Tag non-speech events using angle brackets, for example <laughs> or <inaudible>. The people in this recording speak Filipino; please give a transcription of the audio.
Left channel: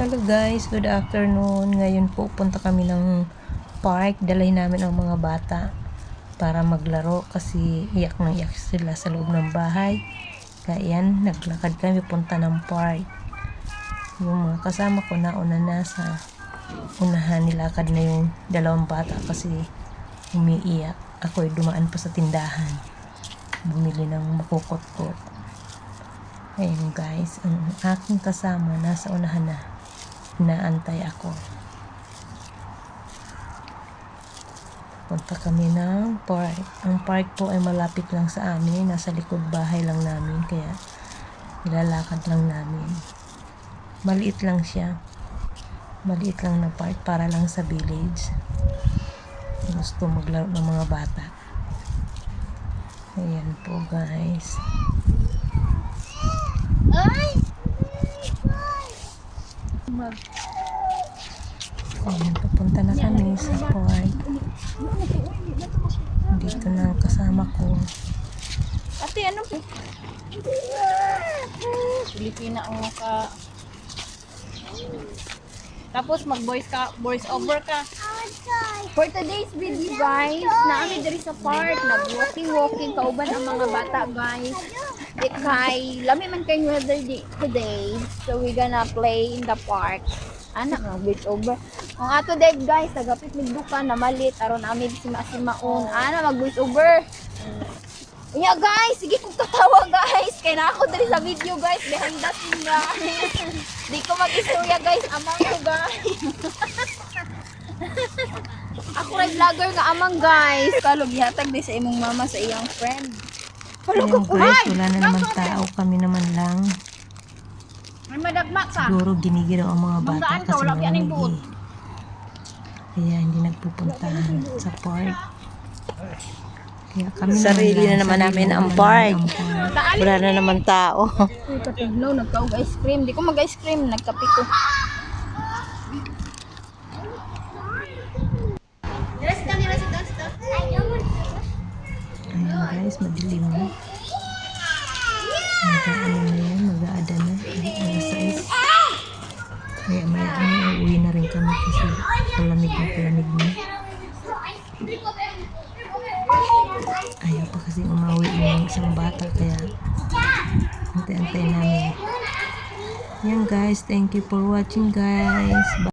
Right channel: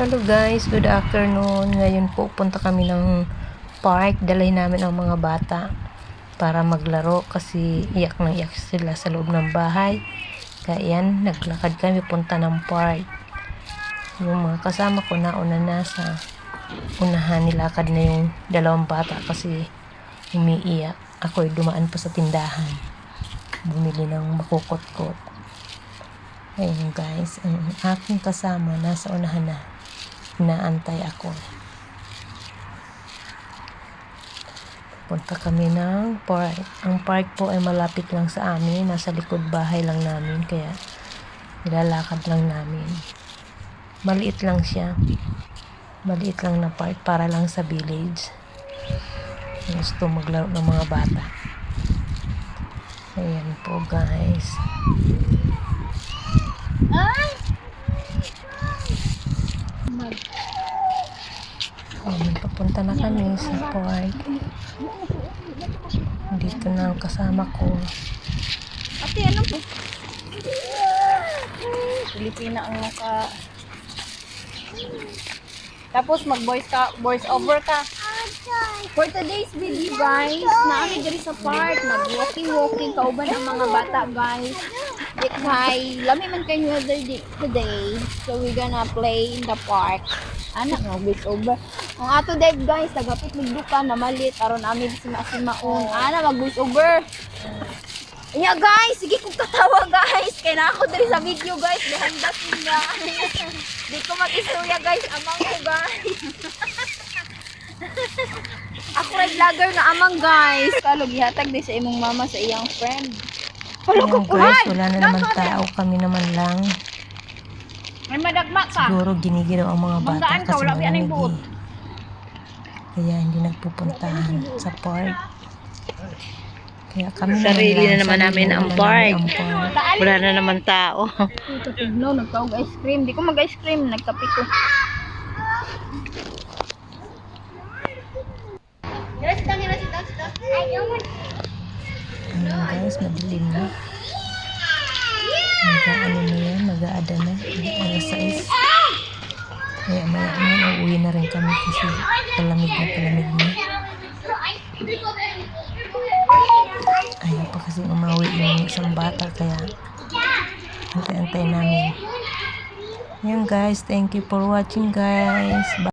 Hello guys, good afternoon. Ngayon po punta kami ng park. Dalhin namin ang mga bata para maglaro kasi iyak na iyak sila sa loob ng bahay. Kaya yan, naglakad kami punta ng park. Yung mga kasama ko nauna na sa unahan nilakad na yung dalawang bata kasi umiiyak. Ako'y dumaan pa sa tindahan. Bumili ng makukot-kot. Ayun guys, ang aking kasama nasa unahan na. Inaantay ako. Punta kami ng park. Ang park po ay malapit lang sa amin. Nasa likod bahay lang namin. Kaya nilalakad lang namin. Maliit lang siya. Maliit lang na park para lang sa village. Gusto maglaro ng mga bata. Ayan po guys. Ayan, papunta na kami sa park. Dito na ang kasama ko. Ate, ano po? Pilipina ang naka... Tapos mag-voice ka, voice over ka. For today's video guys, naami diri sa park, nag-walking-walking kauban ang mga bata guys. Kay, lami man kayo weather today, so we gonna play in the park. Anak mo, voice over. Ang ato dead guys, nagapit magbuka na malit, aron amin si Masimaon. Ana, mag-voice over. Yeah guys, sige kong katawa guys. Kaya na ako dali sa video guys. Dahil dapat na. Di mag-istorya guys. Amang ko guys. <laughs> ako ay vlogger na amang guys. Kalog ihatag din sa imong mama sa iyang friend. Ayan guys, wala na naman tao. Kami naman lang. May madagma ka. Siguro ginigiraw ang mga bata Banggaan ka, kasi wala malamig eh. Kaya hindi nagpupuntahan sa park. Kaya kami Sarili na naman sarili namin ang park. Wala na naman tao. Tignaw, nagkaog ice cream. Di ko mag-ice cream. Nagkape ko. Ayan guys, madilim na. Mag-ano na yan, mag-aada na. Alas 6. Kaya may ano, uuwi na rin kami kasi palamig na palamig na. Ayaw pa kasi umawi yung isang bata kaya antay-antay namin. Yan guys, thank you for watching guys. Bye.